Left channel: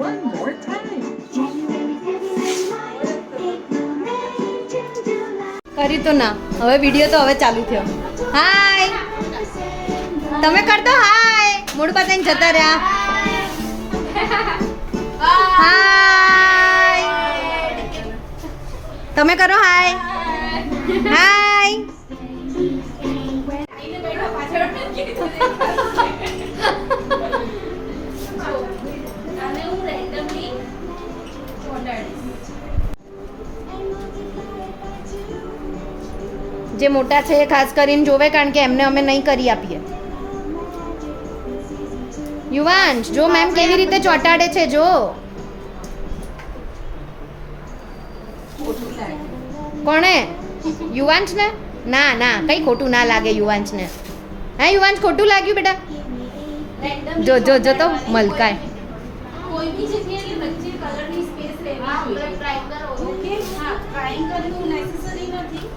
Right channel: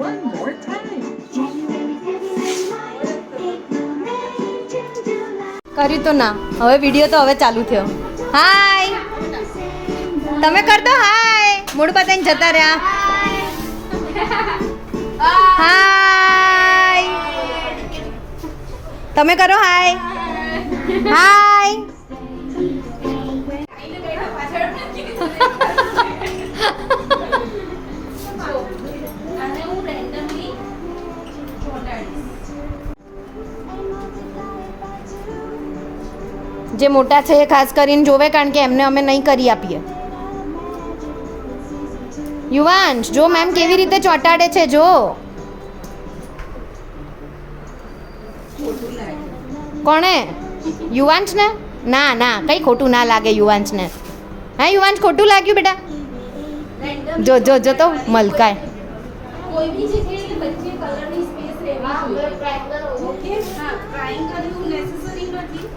One more time. કર્યું તો ના, હવે વિડીયો તો હવે ચાલુ થયો. હાય, તમે કર દો હાય. મૂડ બતાવીને જતા રહ્યા. હાય, તમે કરો હાય. હાય. જે મોટા છે એ ખાસ કરીને જોવે, કારણ કે એમને અમે નહીં કરી આપીએ. યુવાંશ જો મેમ કેવી રીતે ચોંટાડે છે, જો. કોણે? યુવાંશ ને? ના ના, કઈ ખોટું ના લાગે યુવાંશ ને. હા યુવાંશ, ખોટું લાગ્યું બેટા? જો જો જો તો મલકાય. કોઈ બી જગ્યાએ વચ્ચે કલરની સ્પેસ રહેવી જોઈએ. ઓકે, હા, ટ્રાયંગલ એવું નેસેસરી નથી.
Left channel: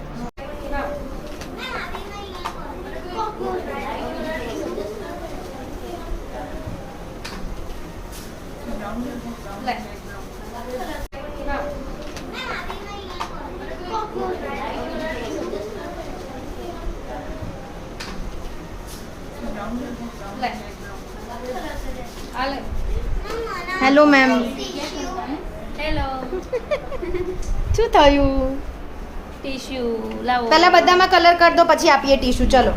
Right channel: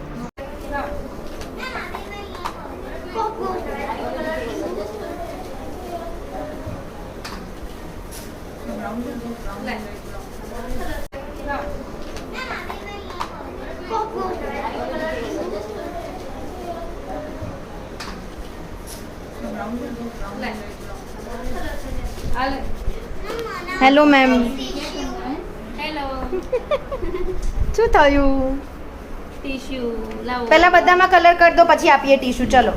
Hello ma'am. હેલો. શું થયું? ટીશ્યુ લાવો. પહેલા બધામાં કલર કરી દો, પછી આપીએ ટીશ્યુ. ચલો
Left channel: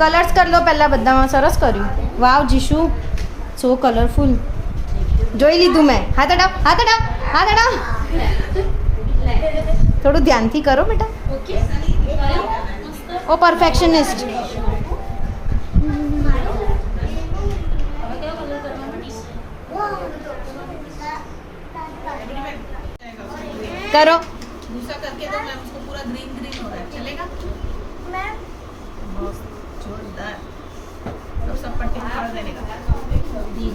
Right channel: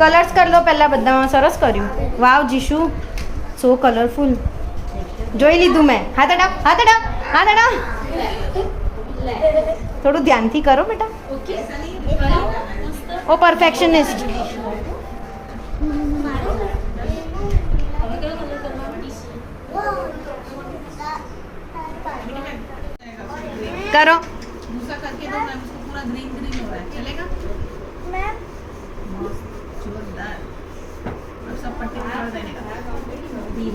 કલર્સ કરી લો પહેલા બધામાં. સરસ કર્યું. વાવ જીશુ, સો કલરફુલ. જોઈ લીધું મેં. હાથ અડાવ, હાથ અડાવ, હાથ અડાવ. થોડું ધ્યાનથી કરો બેટા. ઓકે. ઓ પરફેક્શનિસ્ટ. કરો. दूसरा करके दो मैम, उसको पूरा ग्रीन ग्रीन हो रहा है, चलेगा मैम? जोरदार. अब सब पट्टी कर देने का.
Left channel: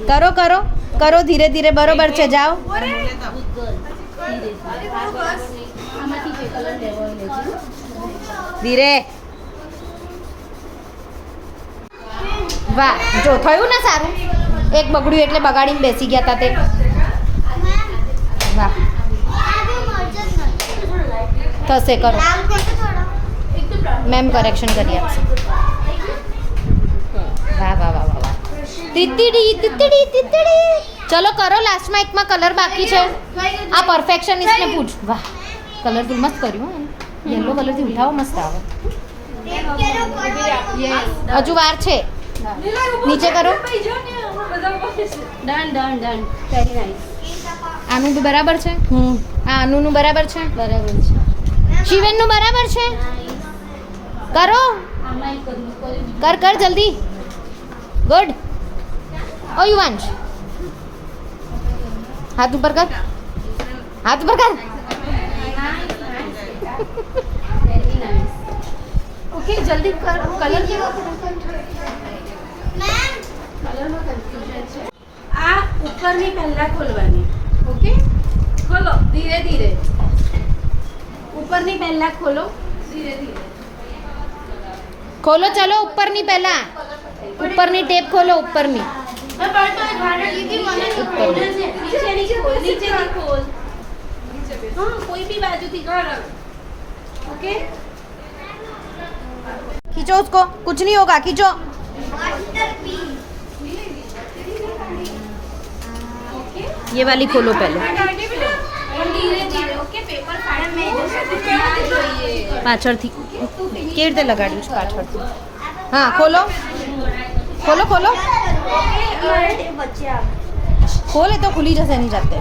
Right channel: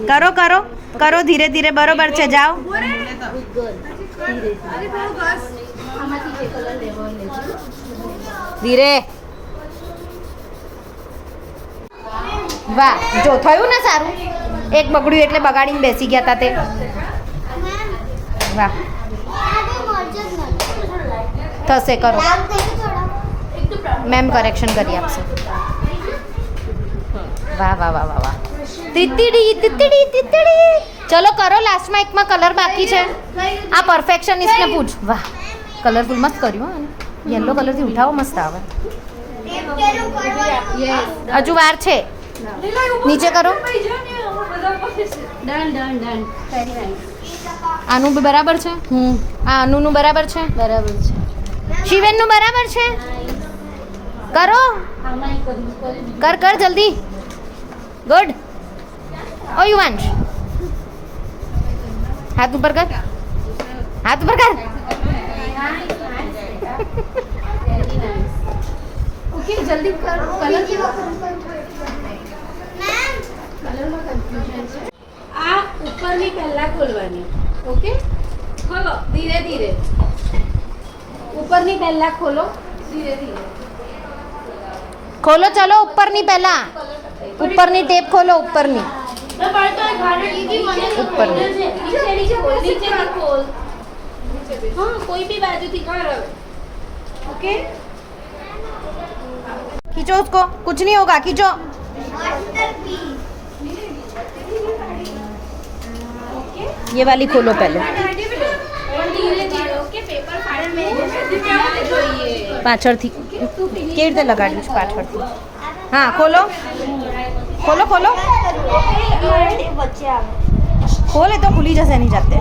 કરો કરો કરો, ધીરે ધીરે. બરોબર છે, જાઓ. बोले तो આમાંથી જે કલર લેવો લેજો. ધીરે. વાહ, જો થયું ને સારું. એક બગડ્યું એટલે બગાડીને બેસી ગયા હતા તે. વાહ, થશે. કરો. મેમ કરેક્શન કરી આપશે. વાહ વાહ વાહ વાહ વાહ. તીતડી તીતડી તીતડી. ચલો કરો, લાસ્ટમાં એકમાં કલર બાકી છે. આ પરફેક્શનિસ્ટને પૂછ. વાહ, કલરફુલ મસ્ત કર્યું. હા, યલો કલરથી ઉઠાવો, મસ્ત આવે. હજુ વાર છે. નીચે કરો. Done done done. Very nice. આનું બી બરાબર છે. આ અનુનું બરાબર છે. બરાબર છે. શિવેનનું બરાબર છે. કરો, આમાં એક કરી કર કર જલ્દી. ગુડ. ઓ યુવાંશ, હાથ ઉપર કર, હાથ ઉપર કર. Very nice. ઓકે, જલ્દી કર. કલર કેવો? કલરમાં કન્ફ્યુઝન છે. આ ઉપરની પહેલા ખોલવાની. ઓકે, ખોલો ધીરે ધીરે. ઉપરની પહેલા ખોલો ધીરે ધીરે. ખોલો. ચલો ઉપરની પહેલા. ઉપરની ટેપ ખોલો. ઉપરની. ઉપર. નીચેથી ખોલ. હા, કોઈ બી બાજુથી કર. ઓકે, खींचो उसको, कुछ नहीं होगा. खींचो. ये वाली खोलो पहले. ધીરે ધીરે. ઓકે, પેપર ફાડન જોઈએ. પાછળથી કેવી રીતે લગાડ્યું છે? પાછળથી. હા, ખોલો ખોલો ખોલો. ખોલે તો ખુલી જશે એની જાતે.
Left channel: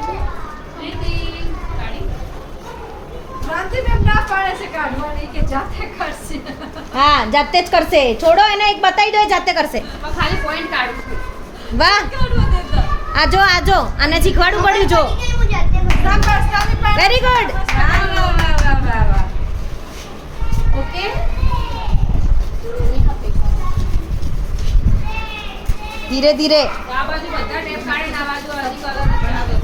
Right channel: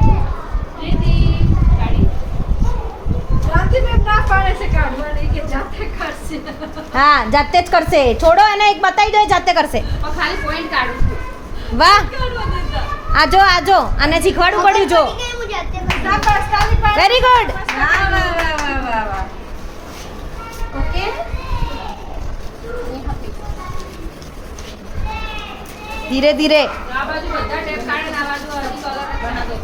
હા, જાતે જ કરશે. છોડો એને, એક બતાવી દો, એ જાતે કરશે. ખાલી પોઈન્ટ કાઢું. વાહ, આજો આજો. આને શીખવાડવું પડ્યું. જો, વેરી ગુડ. ઓકે, ધીરે ધીરે. આ બાજુ બધા ટેપ કાઢે ને આ બાજુ હજી કલર બના દો.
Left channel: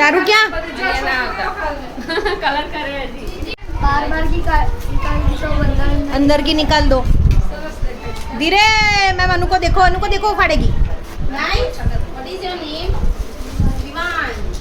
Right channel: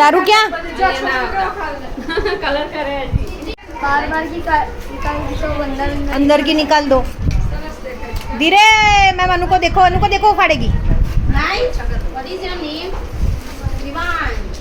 તારું ક્યાં? કલર કરે હજી. अंदर की निकाल दो. धीरे मैम अनु को देखो उफाड़ेगी Nice. What is your name? Ivan.